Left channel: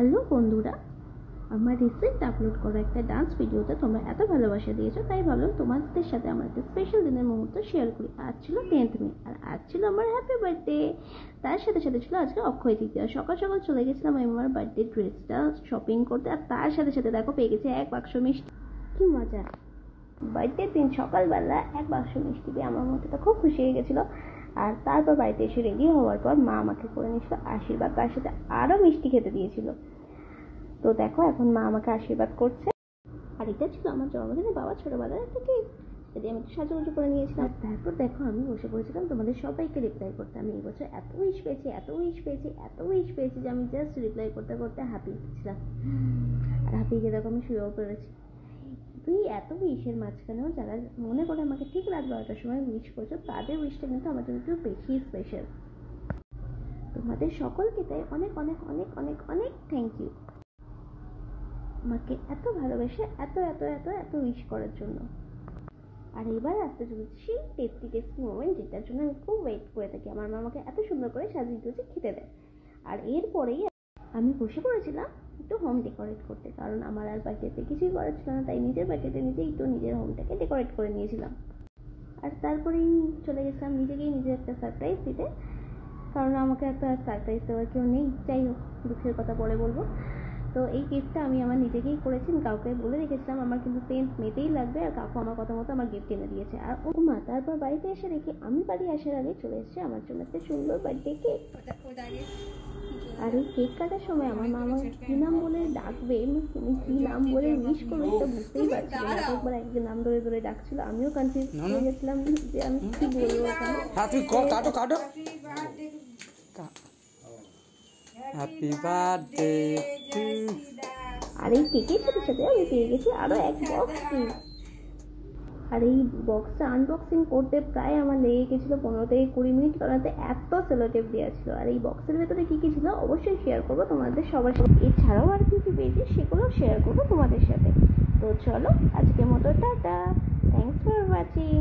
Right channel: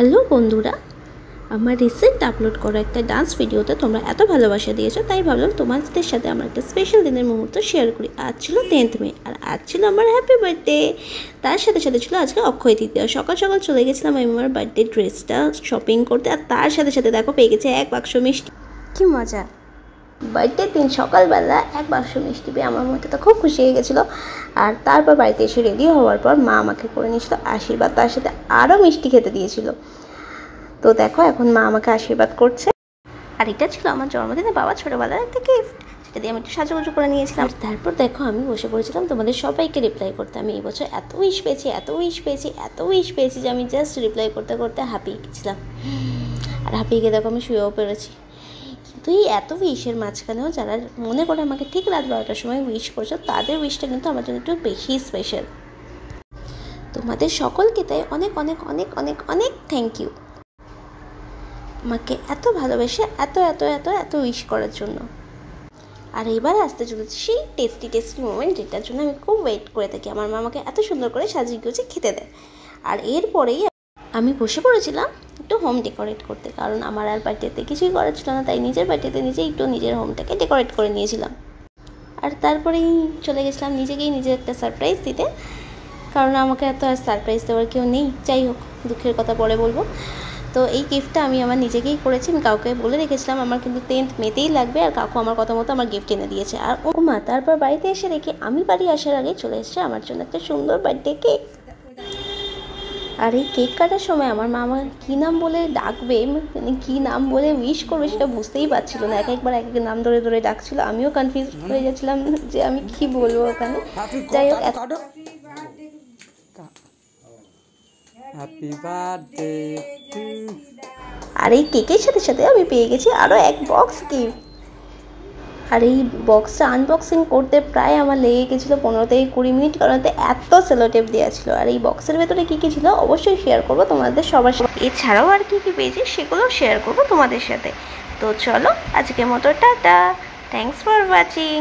Hello বন্ধুরা, আমার recent upload করা একটা ডান্স ভিডিওতে তোমরা এত ভালোবাসা দিয়েছো, তাই ভাবলাম তোমাদের সাথে আমার একটা স্পেশাল দিনের মুহূর্ত শেয়ার করি। আজ ছিল 10th মে আর আজ ছিল আমার হ্যাপি বার্থডে। তার সাথে সাথে ছিল আজকে অক্ষয় তৃতীয়া। সকাল সকাল চলে গেছিলাম আমি আমার বার্থডে ড্রেসটা শপিং করতে, আর তার সাথে সাথে দেখো পেয়ে গেছে এক বাক্স মিষ্টি। কি মজা! বার্থডের দিন সকালবেলা এক বাক্স মিষ্টি পেয়ে আমার মধ্যে তো খুব খুশি হয়ে গেছিলো। আর তারপর বাড়িতে এসে রেডি হওয়ার পর মা আমাকে করে নিয়েছিল আশীর্বাদ, তার সাথে আরও মিষ্টি খেতে দিয়েছিল। তো দেখো এখন মা আমাকে আশীর্বাদ করছে। আর এটা ছিল আমার জন্মদিনে বাবা ছোটোবেলার একটা গিফট, সেটা দিয়ে আমি একটু সাজুগুজু করে নিয়েছিলাম। তারপর দেখো আমি বসে পড়েছিলাম তোমাদের সবাইকে রিপ্লাই করতে। আমি এই বছর এত উইশ পেয়েছি যে আমি জাস্ট রিপ্লাই করতে করতে হাঁপিয়ে গেছিলাম। আর হাঁপিয়ে গিয়ে দেখো আমি শুয়েও পেরেছি। কিন্তু এই এত উইশের মাঝখানেও যারা মনে করে আমাকে ঠিক রাত 12টার সময় উইশ করছো, তাদের উইশটা কিন্তু আমার জন্য একটু বেশি স্পেশাল। তোমাদের সকলকে তাই অনেক অনেক অনেক অনেক অনেক থ্যাংক ইউ আমাকে এত ভালোবেসে এত এত এত এত উইশ করার জন্য। আর এবার আসতে চলেছি সেই টেস্টি মোমেন্ট, যেটার জন্য আমি খুব ওয়েট করে থাকি। আমার মা আমাকে এত সুন্দর করে সাজিয়ে গুছিয়ে খেতে দেয়। আর এরপরেই আমি বসে পড়েছিলাম একটু হোম ডেকোরেট করতে, কারণ আমার আর বার্থডেতে কিছুই করার ছিল না, তাই নিজের বার্থডেতে নিজে একটু নিজের হোমটাকে ডেকোরেট করে নিয়েছিলাম। আর তারপরেই চলে গেছিলাম নিজেকেই নিজে একটা সারপ্রাইজ দিতে, কারণ আমাকে এত আর সারপ্রাইজ দেওয়ার কেউ নেই। যাই হোক, দুঃখের কথা পরে বলবো। তো এই গিফটটা আমি আমার নিজেকেই করেছি। আমি কাউকে বলে রেখেছিলাম আমার কিন্তু 10th মেতেই লাগবে, আর কাকু আমার কথা মতো আমার গিফট এনে দিয়েছে। আর ও মা তারপর বাড়িতে এসে দেখি আমি বাড়ি আসার আগে চলে এসেছে আমার জন্য একটা সুন্দর বার্থডে কেক। আর এই কেক কাটার সময় আমার মা আমার কী নাম বলে ডাকবে, মানে কী নাম বলে উইশ করবে সেটা বুঝতেই পারছিল না। একবার এক নাম ধরে ধরে ডাকছিল, আমিও কনফিউজ হয়ে গেছিলাম যে আমি কি বলবো ওখানে। যাই হোক, হ্যাপি বার্থডে টু। আর এই কেকের সাথে সাথে আমি পেয়ে গেছি আরও এক বক্স গিফট। আর এই বক্সটা আনবক্সিং করতে প্রায় আমার লেগে গেছিলো 15 থেকে 20 মিনিট, কারণ এত সেলোটেপ দেওয়া ছিল। আর এই বক্সের ভেতরে কী কী ছিল অবশ্যই শেয়ার করবো তোমাদের সবার সাথে। এছাড়াও আর কী কী পেয়েছি সেগুলো শেয়ার করবো তোমাদের সাথে। তো চলো আজকের মতো টাটা, থ্যাংকস ফর ওয়াচিং।